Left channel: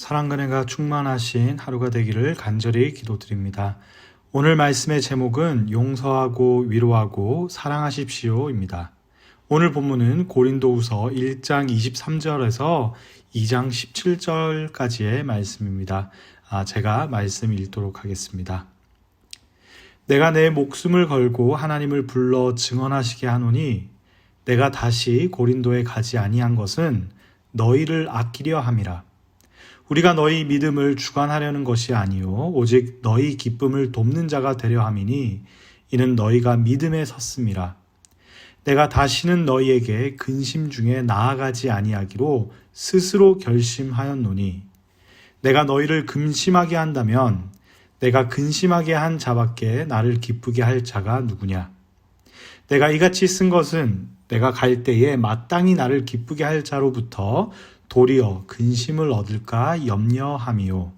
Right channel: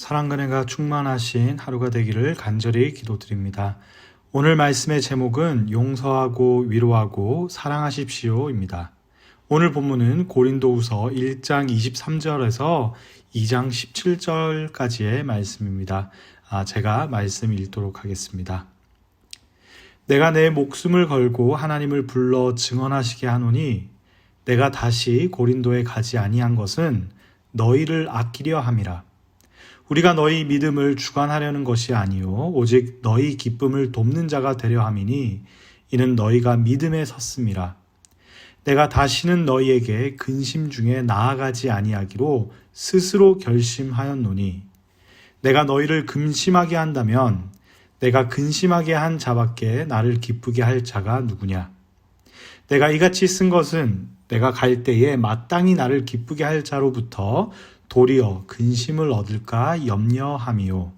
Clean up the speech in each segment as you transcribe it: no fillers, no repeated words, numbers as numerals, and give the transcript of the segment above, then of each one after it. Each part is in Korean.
사랑과 은혜가 충만하신 하루가 되기를 간절히 기도드립니다. 오늘 말씀의 제목은 용서하고 위로하고 사랑하십시오입니다. 오늘 본문은 고린도후서 1장 23절에서 2장 17절까지의 말씀입니다. 제가 말씀 읽도록 하겠습니다. 내가 내 목숨을 걸고 하나님을 불러 증언하시게 하노니 내가 다시 고린도에 가지 아니한 것은 너희를 아끼려 함이라. 우리가 너희 믿음을 주관하려는 것이 아니요 오직 너희 기쁨을 돕는 자가 되려 함이니 이는 너희가 믿음에 섰음이라. 내가 다시는 너희에게 근심 중에 나아가지 아니하기로 스스로 결심하였노니 내가 너희를 근심하게 한다면 내가 근심하게 한 자밖에 나를 기쁘게 할 자가 누구냐. 내가 이같이 쓴 것은 내가 갈 때에 마땅히 나를 기쁘게 할 자로부터 도리어 근심을 얻을까 염려함이요.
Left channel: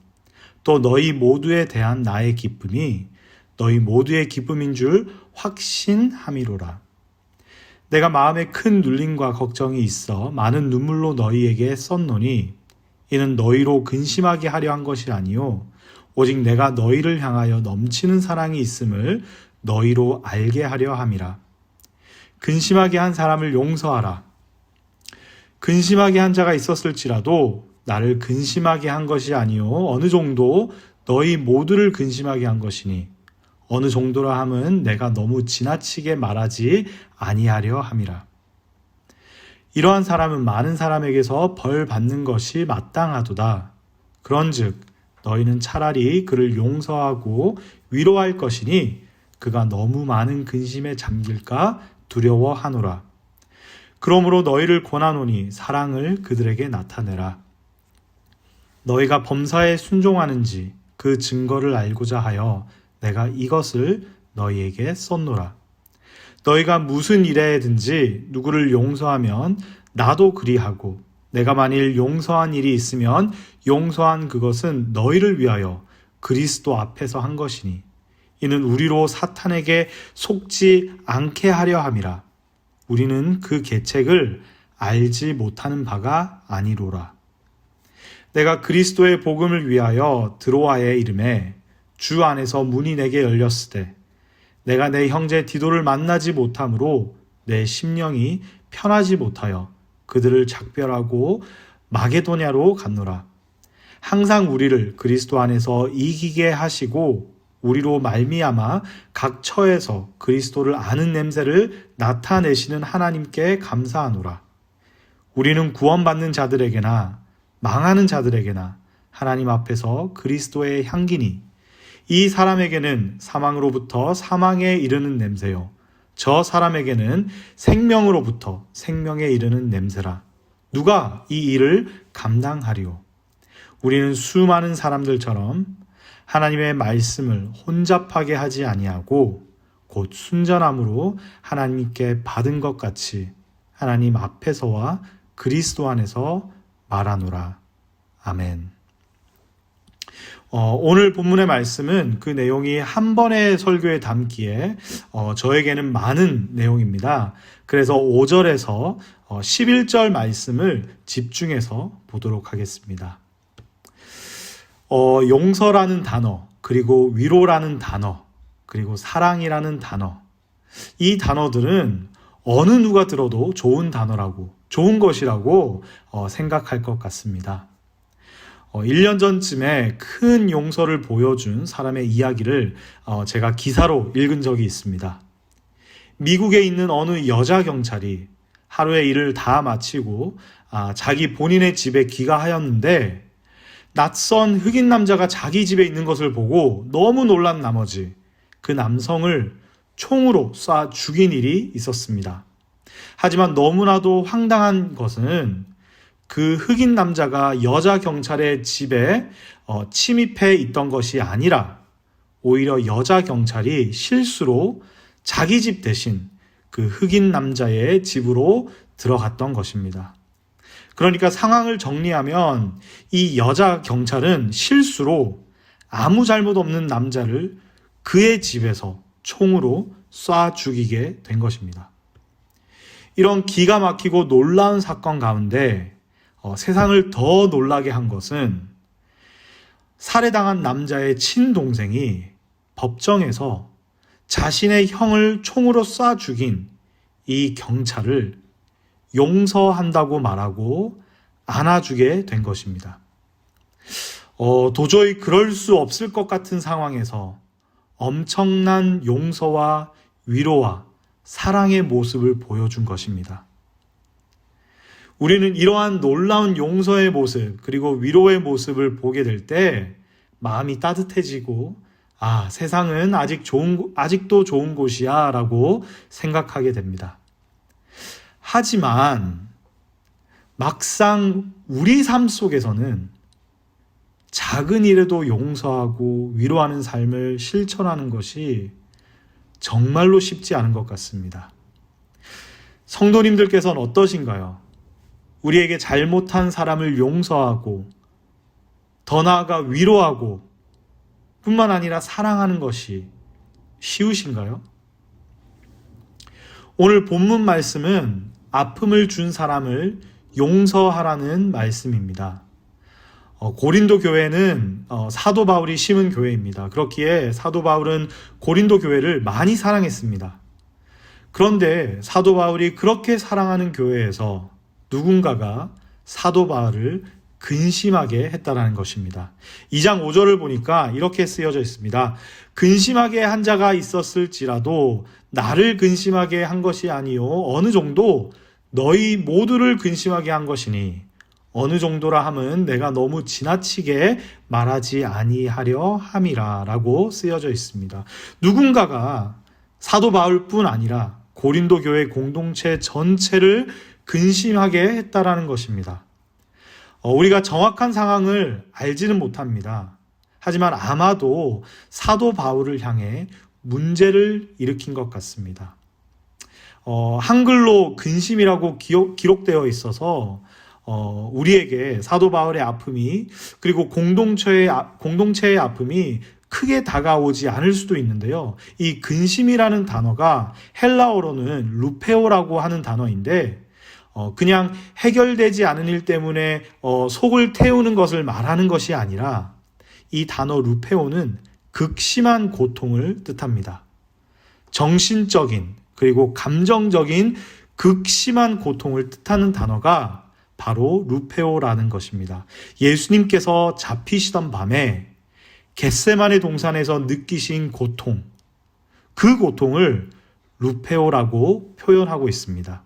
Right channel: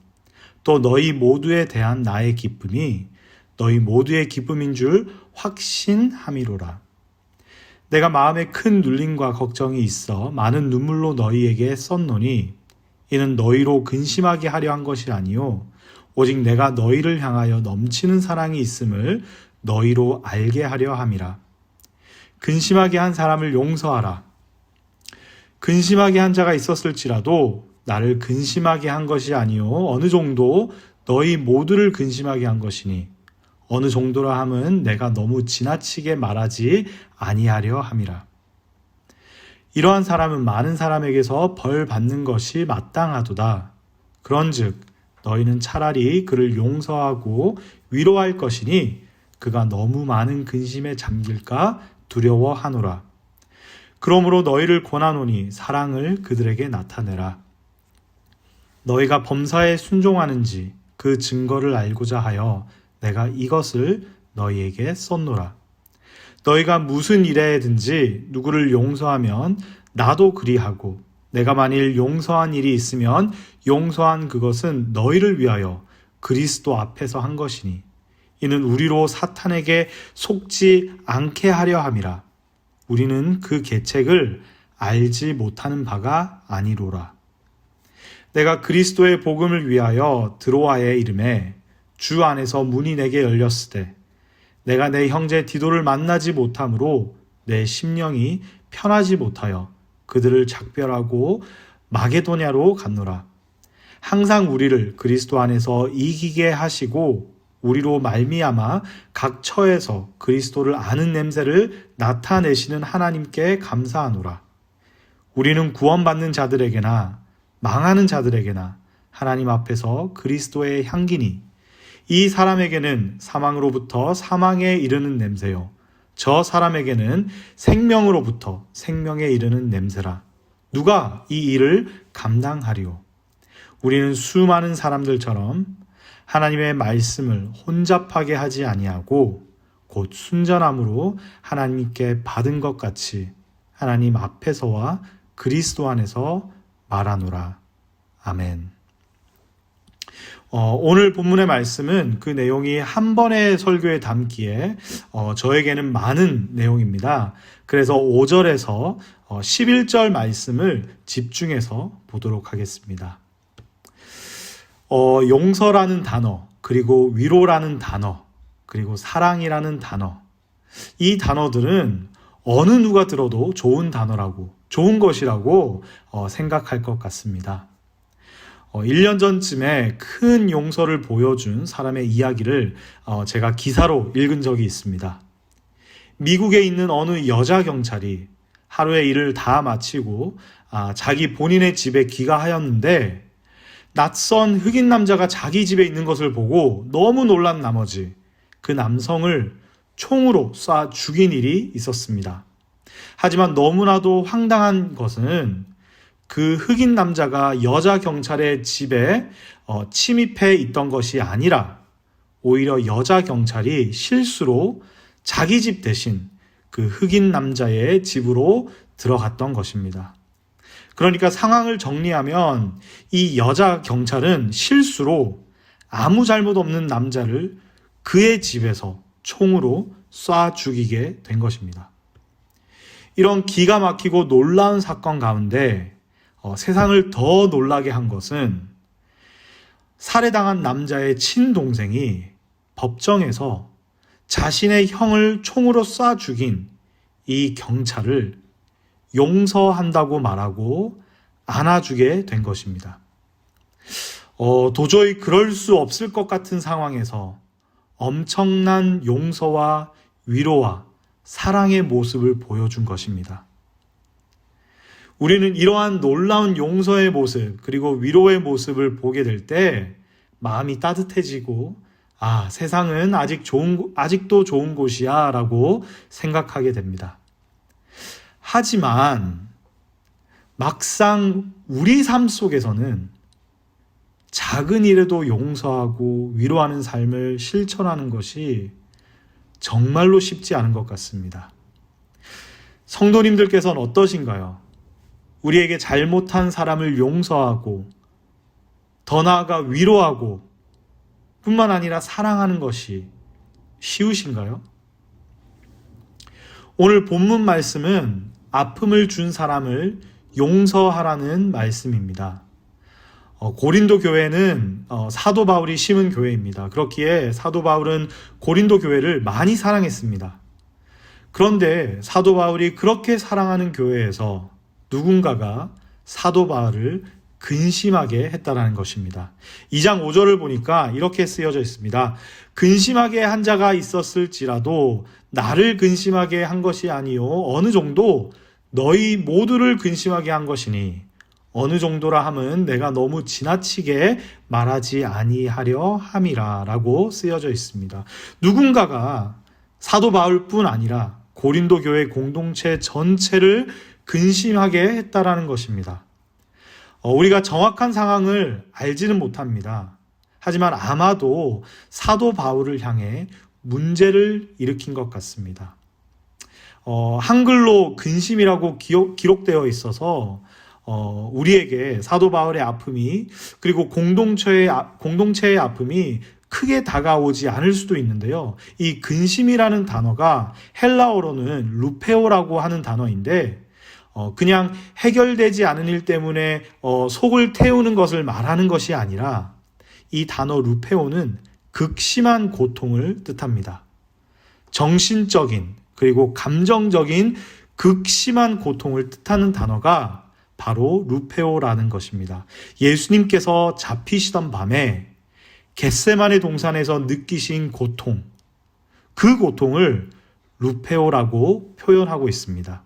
또 너희 모두에 대한 나의 기쁨이 너희 모두의 기쁨인 줄 확신함이로라. 내가 마음에 큰 눌림과 걱정이 있어 많은 눈물로 너희에게 썼노니 이는 너희로 근심하게 하려 한 것이 아니요 오직 내가 너희를 향하여 넘치는 사랑이 있음을 너희로 알게 하려 함이라. 근심하게 한 사람을 용서하라. 근심하게 한 자가 있었을지라도 나를 근심하게 한 것이 아니요 어느 정도 너희 모두를 근심하게 한 것이니 어느 정도라 함은 내가 너무 지나치게 말하지 아니하려 함이라. 이러한 사람은 많은 사람에게서 벌 받는 것이 마땅하도다. 그런즉 너희는 차라리 그를 용서하고 위로할 것이니 그가 너무 많은 근심에 잠길까 두려워하노라. 그러므로 너희를 권하노니 사랑을 그들에게 나타내라. 너희가 범사에 순종하는지 그 증거를 알고자 하여 내가 이것을 너희에게 썼노라. 너희가 무슨 일에든지 누구를 용서하면 나도 그리하고 내가 만일 용서한 일이 있으면 용서한 그것은 너희를 위하여 그리스도 앞에서 한 것이니 이는 우리로 사탄에게 속지 않게 하려 함이라. 우리는 그 계책을 알지 못하는 바가 아니로라. 내가 그리스도의 복음을 위하여 드로아에 이름에 주 안에서 문이 내게 열렸으되 내가 내 형제 디도를 만나지 못함으로 내 심령이 편하지 못하여 그들을 작별하고 마게도냐로 갔노라. 항상 우리를 그리스도 안에서 이기게 하시고 우리로 말미암아 각 처에서 그리스도를 아는 냄새를 나타내시는 하나님께 감사하노라. 우리는 구원받는 자들에게나 망하는 자들에게나 하나님 앞에서 그리스도의 향기니 이 사람에게는 사망으로부터 사망에 이르는 냄새요 저 사람에게는 생명으로부터 생명에 이르는 냄새라. 누가 이 일을 감당하리요? 우리는 수많은 사람들처럼 하나님의 말씀을 혼잡하게 하지 아니하고 곧 순전함으로 하나님께 받은 것 같이 하나님 앞에서와 그리스도 안에서 말하노라. 아멘. 오늘 본문의 말씀은 그 내용이 한 번의 설교에 담기에 저에게는 많은 내용입니다. 그래서 5절에서 11절 말씀을 집중해서 보도록 하겠습니다. 용서라는 단어, 그리고 위로라는 단어, 그리고 사랑이라는 단어. 이 단어들은 어느 누가 들어도 좋은 단어라고, 좋은 것이라고 생각할 것 같습니다. 1년 전쯤에 큰 용서를 보여준 사람의 이야기를 제가 기사로 읽은 적이 있습니다. 미국에 있는 어느 여자 경찰이 하루의 일을 다 마치고 자기 본인의 집에 귀가하였는데 낯선 흑인 남자가 자기 집에 있는 것을 보고 너무 놀란 나머지 그 남성을 총으로 쏴 죽인 일이 있었습니다. 하지만 너무나도 황당한 것은 그 흑인 남자가 여자 경찰의 집에 침입해 있던 것이 아니라 오히려 여자 경찰이 실수로 자기 집 대신 그 흑인 남자의 집으로 들어갔던 것입니다. 그러니까 상황을 정리하면 이 여자 경찰은 실수로 아무 잘못 없는 남자를 그의 집에서 총으로 쏴 죽이게 된 것입니다. 이런 기가 막히고 놀라운 사건 가운데 세상을 더 놀라게 한 것은 살해당한 남자의 친동생이 법정에서 자신의 형을 총으로 쏴 죽인 이 경찰을 용서한다고 말하고 안아주게 된 것입니다. 도저히 그럴 수 없을 것 같은 상황에서 엄청난 용서와 위로와 사랑의 모습을 보여준 것입니다. 우리는 이러한 놀라운 용서의 모습 그리고 위로의 모습을 보게 될 때 마음이 따뜻해지고 세상은 아직도 좋은 곳이야 라고 생각하게 됩니다. 하지만 막상 우리 삶 속에서는 작은 일에도 용서하고 위로하는 삶을 실천하는 것이 정말로 쉽지 않은 것 같습니다. 성도님들께서는 어떠신가요? 우리에게 잘못한 사람을 용서하고 더 나아가 위로하고 뿐만 아니라 사랑하는 것이 쉬우신가요? 오늘 본문 말씀은 아픔을 준 사람을 용서하라는 말씀입니다. 고린도 교회는 사도 바울이 심은 교회입니다. 그렇기에 사도 바울은 고린도 교회를 많이 사랑했습니다. 그런데 사도 바울이 그렇게 사랑하는 교회에서 누군가가 사도 바울을 근심하게 했다라는 것입니다. 2장 5절을 보니까 이렇게 쓰여져 있습니다. 근심하게 한 자가 있었을지라도 나를 근심하게 한 것이 아니요 어느 정도 너희 모두를 근심하게 한 것이니 어느 정도라 함은 내가 너무 지나치게 말하지 아니하려 함이라 라고 쓰여져 있습니다. 누군가가 사도 바울뿐 아니라 고린도 교회 공동체 전체를 근심하게 했다라는 것입니다. 우리가 정확한 상황을 알지는 못합니다. 하지만 아마도 사도 바울을 향해 문제를 일으킨 것 같습니다. 한글로 근심이라고 기록되어 있어서 우리에게 사도 바울의 아픔이 그리고 공동체의 아픔이 크게 다가오지 않을 수도 있는데요. 이 근심이라는 단어가 헬라어로는 루페오라고 하는 단어인데 그냥 해결되지 않은 일 때문에 속을 태우는 것을 말하는 것이 아니라 이 단어 루페오는 극심한 고통을 뜻합니다. 정신적인 그리고 감정적인 극심한 고통을 뜻하는 단어가 바로 루페오라는 것입니다. 예수님께서 잡히시던 밤에 겟세마네 동산에서 느끼신 고통, 그 고통을 루페오라고 표현하고 있습니다.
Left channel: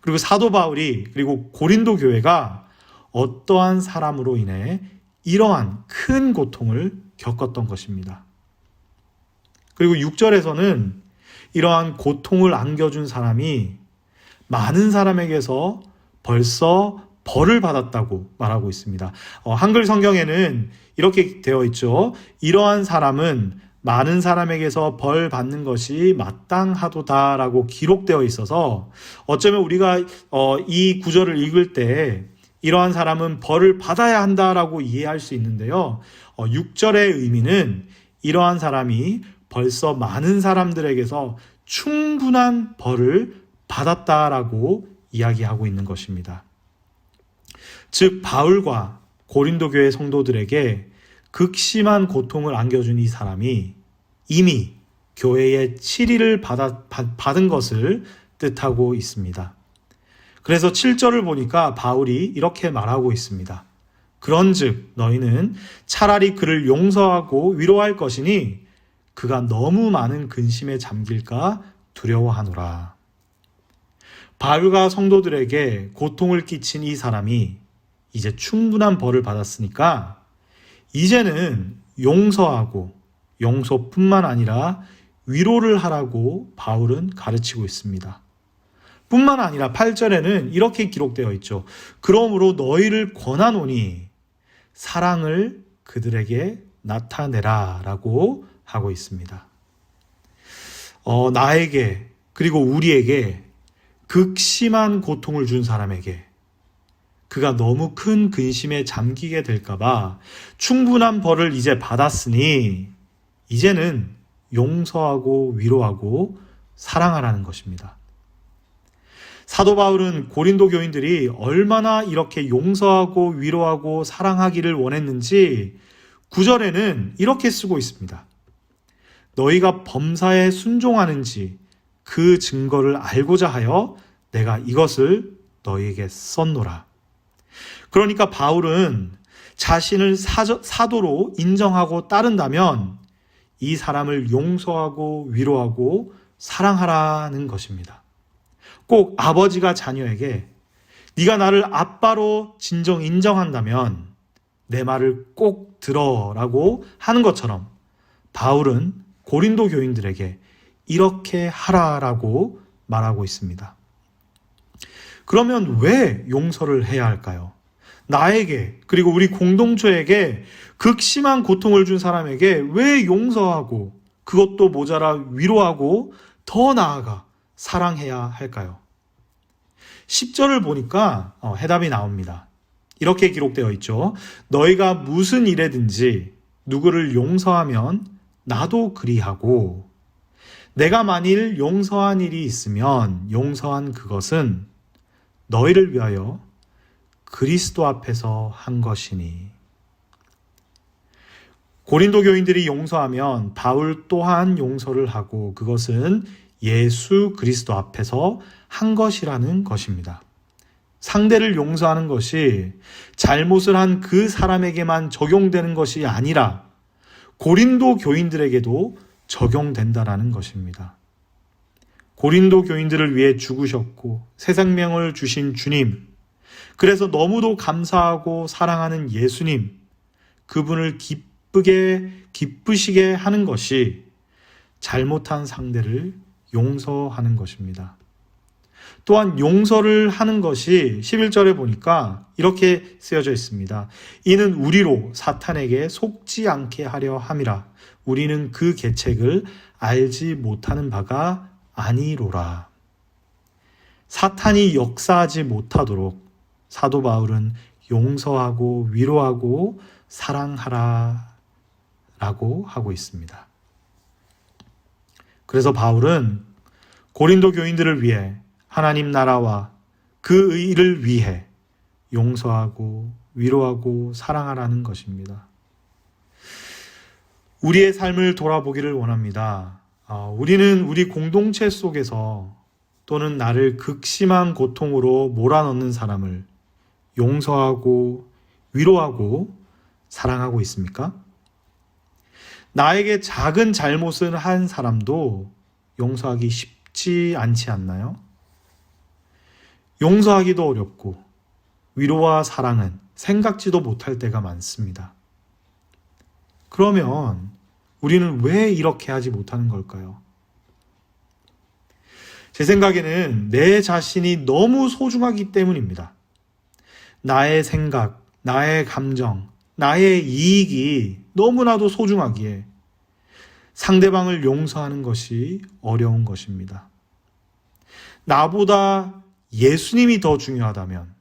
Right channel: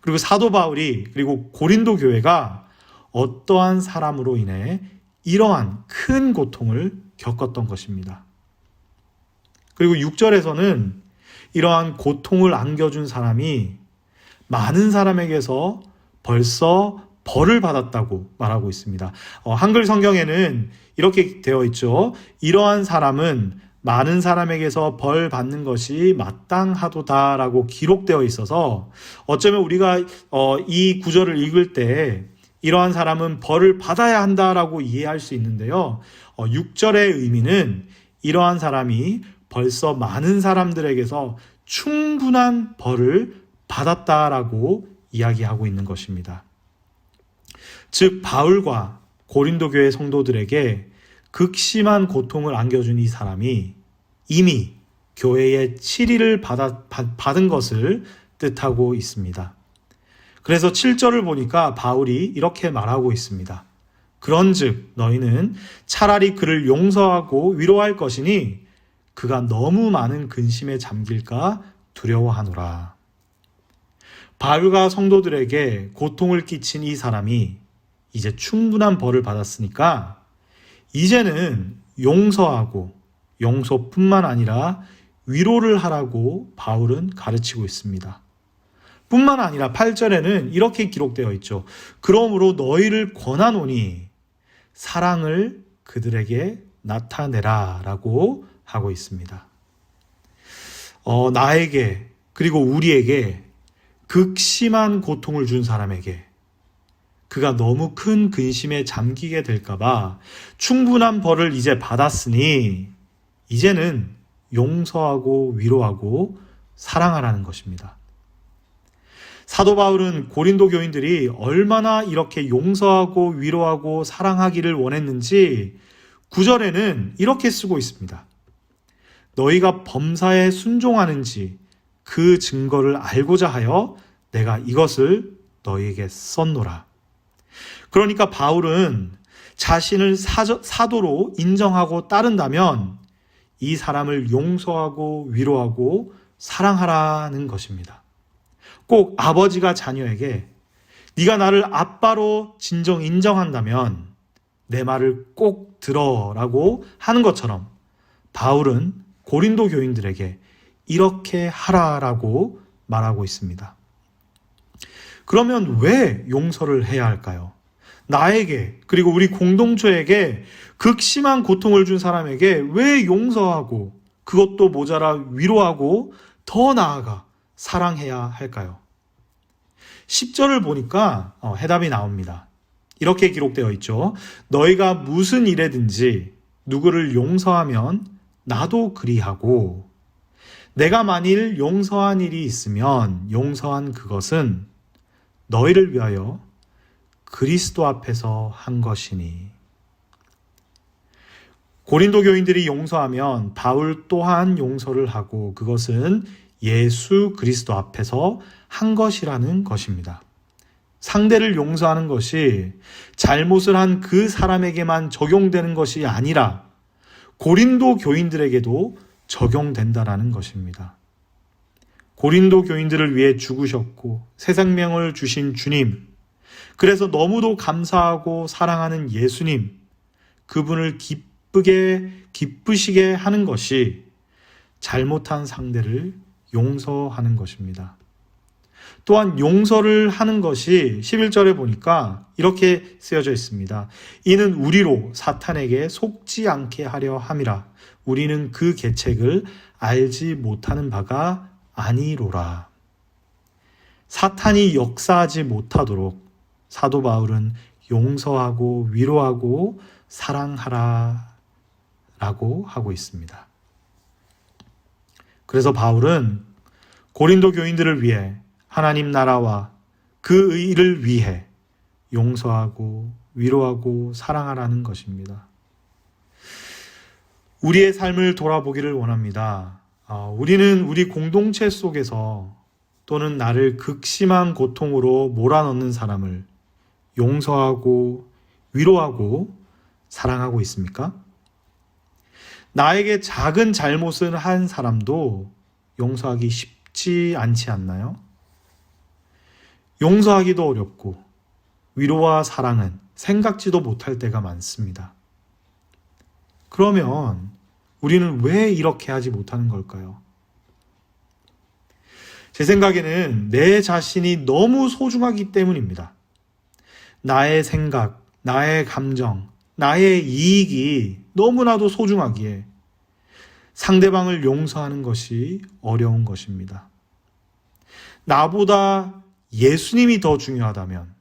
그리고 사도 바울이 그리고 고린도 교회가 어떠한 사람으로 인해 이러한 큰 고통을 겪었던 것입니다. 그리고 6절에서는 이러한 고통을 안겨준 사람이 많은 사람에게서 벌써 벌을 받았다고 말하고 있습니다. 한글 성경에는 이렇게 되어 있죠. 이러한 사람은 많은 사람에게서 벌 받는 것이 마땅하도다라고 기록되어 있어서 어쩌면 우리가 이 구절을 읽을 때 이러한 사람은 벌을 받아야 한다라고 이해할 수 있는데요. 6절의 의미는 이러한 사람이 벌써 많은 사람들에게서 충분한 벌을 받았다라고 이야기하고 있는 것입니다. 즉 바울과 고린도 교회 성도들에게 극심한 고통을 안겨준 이 사람이 이미 교회의 치리를 받은 것을 뜻하고 있습니다. 그래서 7절을 보니까 바울이 이렇게 말하고 있습니다. 그런즉 너희는 차라리 그를 용서하고 위로할 것이니 그가 너무 많은 근심에 잠길까 두려워하노라. 바울과 성도들에게 고통을 끼친 이 사람이 이제 충분한 벌을 받았으니까 이제는 용서하고 용서뿐만 아니라 위로를 하라고 바울은 가르치고 있습니다. 뿐만 아니라 8절에는 이렇게 기록되어 있죠. 그러므로 너희를 권하노니 사랑을 그들에게 나타내라 라고 하고 있습니다. 나에게 그리고 우리에게 극심한 고통을 준 사람에게 그가 너무 큰 근심에 잠기게 될까봐 충분한 벌을 이제 받았으니 이제는 용서하고 위로하고 사랑하라는 것입니다. 사도 바울은 고린도 교인들이 얼마나 이렇게 용서하고 위로하고 사랑하기를 원했는지 9절에는 이렇게 쓰고 있습니다. 너희가 범사에 순종하는지 그 증거를 알고자 하여 내가 이것을 너희에게 썼노라. 그러니까 바울은 자신을 사도로 인정하고 따른다면 이 사람을 용서하고 위로하고 사랑하라는 것입니다. 꼭 아버지가 자녀에게 네가 나를 아빠로 진정 인정한다면 내 말을 꼭 들어라고 하는 것처럼 바울은 고린도 교인들에게 이렇게 하라라고 말하고 있습니다. 그러면 왜 용서를 해야 할까요? 나에게 그리고 우리 공동체에게 극심한 고통을 준 사람에게 왜 용서하고 그것도 모자라 위로하고 더 나아가 사랑해야 할까요? 10절을 보니까 해답이 나옵니다. 이렇게 기록되어 있죠. 너희가 무슨 일에든지 누구를 용서하면 나도 그리하고 내가 만일 용서한 일이 있으면 용서한 그것은 너희를 위하여 그리스도 앞에서 한 것이니. 고린도 교인들이 용서하면 바울 또한 용서를 하고 그것은 예수 그리스도 앞에서 한 것이라는 것입니다. 상대를 용서하는 것이 잘못을 한 그 사람에게만 적용되는 것이 아니라 고린도 교인들에게도 적용된다라는 것입니다. 고린도 교인들을 위해 죽으셨고 새 생명을 주신 주님, 그래서 너무도 감사하고 사랑하는 예수님, 그분을 기쁘시게 하는 것이 잘못한 상대를 용서하는 것입니다. 또한 용서를 하는 것이 11절에 보니까 이렇게 쓰여져 있습니다. 이는 우리로 사탄에게 속지 않게 하려 함이라. 우리는 그 계책을 알지 못하는 바가 아니로라. 사탄이 역사하지 못하도록 사도 바울은 용서하고 위로하고 사랑하라 라고 하고 있습니다. 그래서 바울은 고린도 교인들을 위해 하나님 나라와 그 의를 위해 용서하고 위로하고 사랑하라는 것입니다. 우리의 삶을 돌아보기를 원합니다. 우리는 우리 공동체 속에서 또는 나를 극심한 고통으로 몰아넣는 사람을 용서하고 위로하고 사랑하고 있습니까? 나에게 작은 잘못을 한 사람도 용서하기 쉽지 않지 않나요? 용서하기도 어렵고 위로와 사랑은 생각지도 못할 때가 많습니다. 그러면 우리는 왜 이렇게 하지 못하는 걸까요? 제 생각에는 내 자신이 너무 소중하기 때문입니다. 나의 생각, 나의 감정, 나의 이익이 너무나도 소중하기에 상대방을 용서하는 것이 어려운 것입니다. 나보다 예수님이 더 중요하다면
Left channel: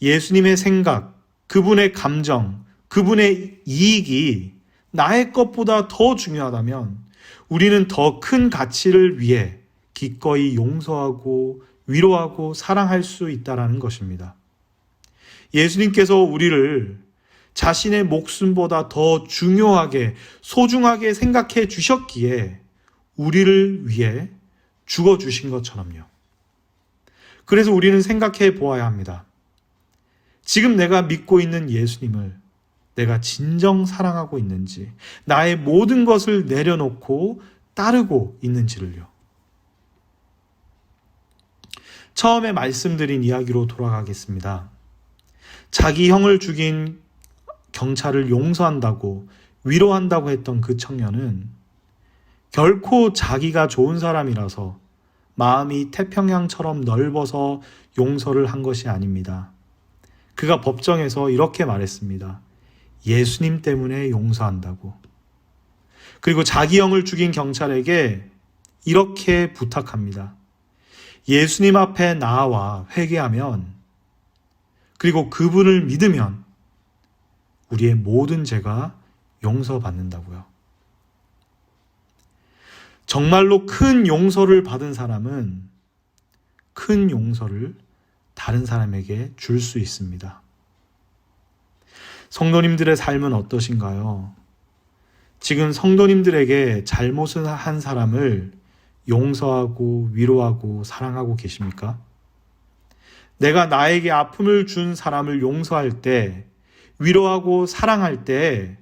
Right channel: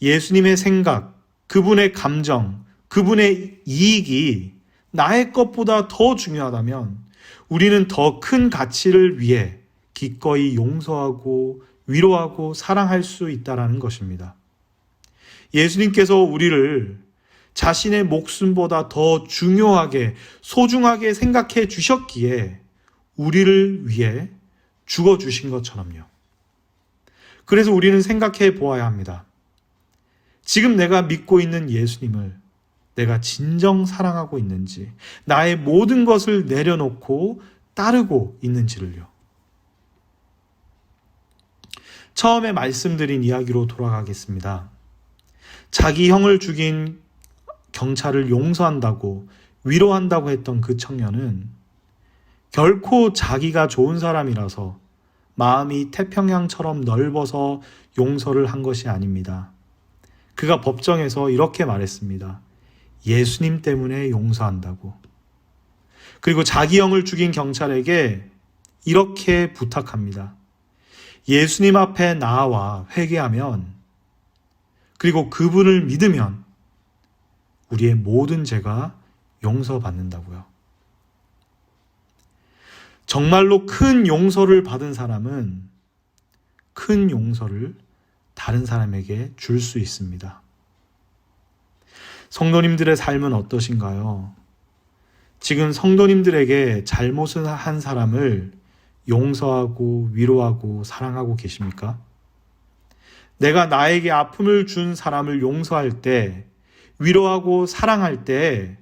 예수님의 생각, 그분의 감정, 그분의 이익이 나의 것보다 더 중요하다면 우리는 더 큰 가치를 위해 기꺼이 용서하고 위로하고 사랑할 수 있다는 것입니다. 예수님께서 우리를 자신의 목숨보다 더 중요하게 소중하게 생각해 주셨기에 우리를 위해 죽어주신 것처럼요. 그래서 우리는 생각해 보아야 합니다. 지금 내가 믿고 있는 예수님을 내가 진정 사랑하고 있는지, 나의 모든 것을 내려놓고 따르고 있는지를요. 처음에 말씀드린 이야기로 돌아가겠습니다. 자기 형을 죽인 경찰을 용서한다고 위로한다고 했던 그 청년은 결코 자기가 좋은 사람이라서 마음이 태평양처럼 넓어서 용서를 한 것이 아닙니다. 그가 법정에서 이렇게 말했습니다. 예수님 때문에 용서한다고. 그리고 자기 형을 죽인 경찰에게 이렇게 부탁합니다. 예수님 앞에 나와 회개하면, 그리고 그분을 믿으면 우리의 모든 죄가 용서받는다고요. 정말로 큰 용서를 받은 사람은 큰 용서를 다른 사람에게 줄 수 있습니다. 성도님들의 삶은 어떠신가요? 지금 성도님들에게 잘못을 한 사람을 용서하고 위로하고 사랑하고 계십니까? 내가 나에게 아픔을 준 사람을 용서할 때, 위로하고 사랑할 때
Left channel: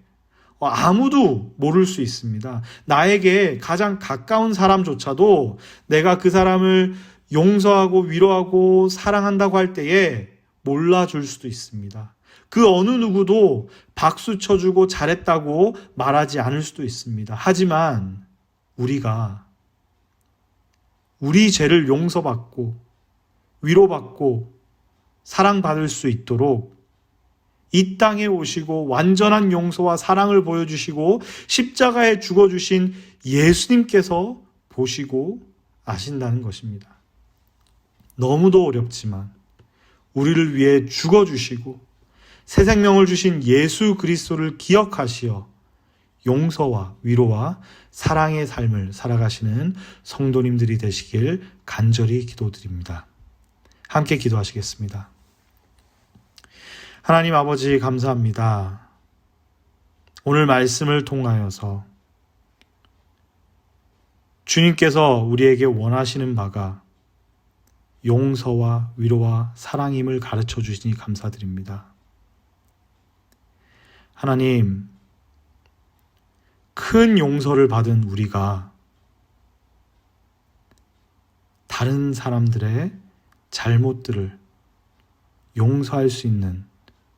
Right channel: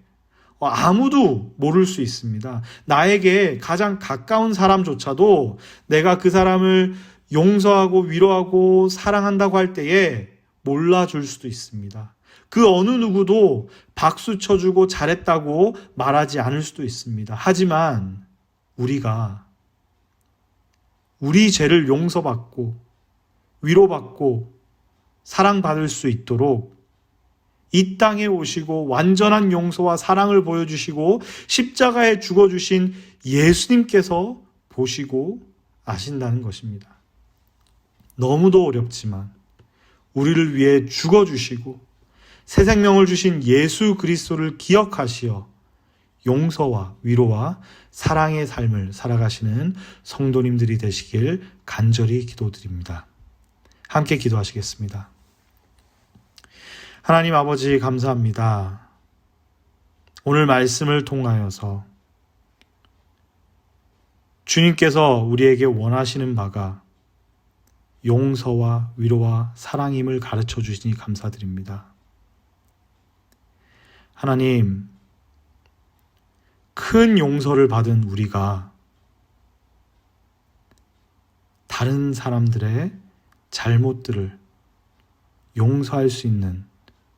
아무도 모를 수 있습니다. 나에게 가장 가까운 사람조차도 내가 그 사람을 용서하고 위로하고 사랑한다고 할 때에 몰라줄 수도 있습니다. 그 어느 누구도 박수 쳐주고 잘했다고 말하지 않을 수도 있습니다. 하지만 우리가 우리 죄를 용서받고 위로받고 사랑받을 수 있도록 이 땅에 오시고 완전한 용서와 사랑을 보여주시고 십자가에 죽어주신 예수님께서 보시고 아신다는 것입니다. 너무도 어렵지만 우리를 위해 죽어주시고 새 생명을 주신 예수 그리스도를 기억하시어 용서와 위로와 사랑의 삶을 살아가시는 성도님들이 되시길 간절히 기도드립니다. 함께 기도하시겠습니다. 하나님 아버지 감사합니다. 오늘 말씀을 통하여서 주님께서 우리에게 원하시는 바가 용서와 위로와 사랑임을 가르쳐 주시니 감사드립니다. 하나님, 큰 용서를 받은 우리가 다른 사람들의 잘못들을 용서할 수 있는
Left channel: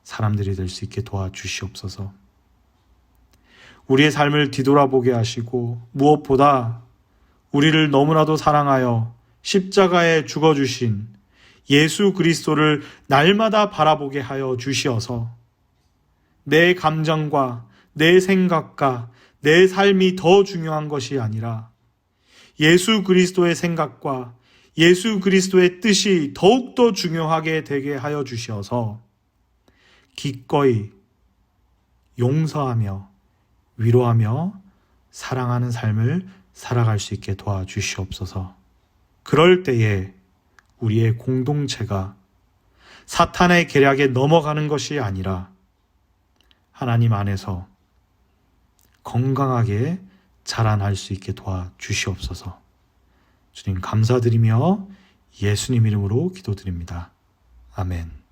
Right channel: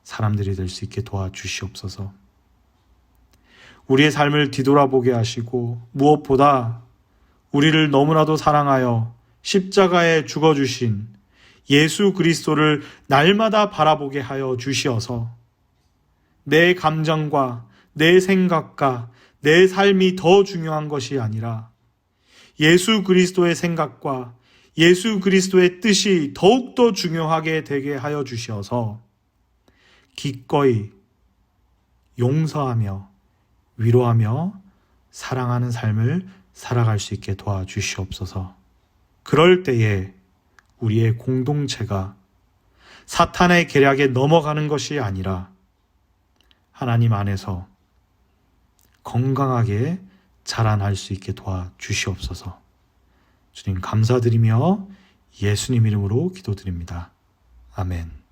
사람들이 될 수 있게 도와주시옵소서. 우리의 삶을 뒤돌아보게 하시고 무엇보다 우리를 너무나도 사랑하여 십자가에 죽어주신 예수 그리스도를 날마다 바라보게 하여 주시어서 내 감정과 내 생각과 내 삶이 더 중요한 것이 아니라 예수 그리스도의 생각과 예수 그리스도의 뜻이 더욱더 중요하게 되게 하여 주시어서 기꺼이 용서하며 위로하며 사랑하는 삶을 살아갈 수 있게 도와주시옵소서. 그럴 때에 우리의 공동체가 사탄의 계략에 넘어가는 것이 아니라 하나님 안에서 건강하게 자라날 수 있게 도와주시옵소서. 주님 감사드리며 예수님 이름으로 기도드립니다. 아멘.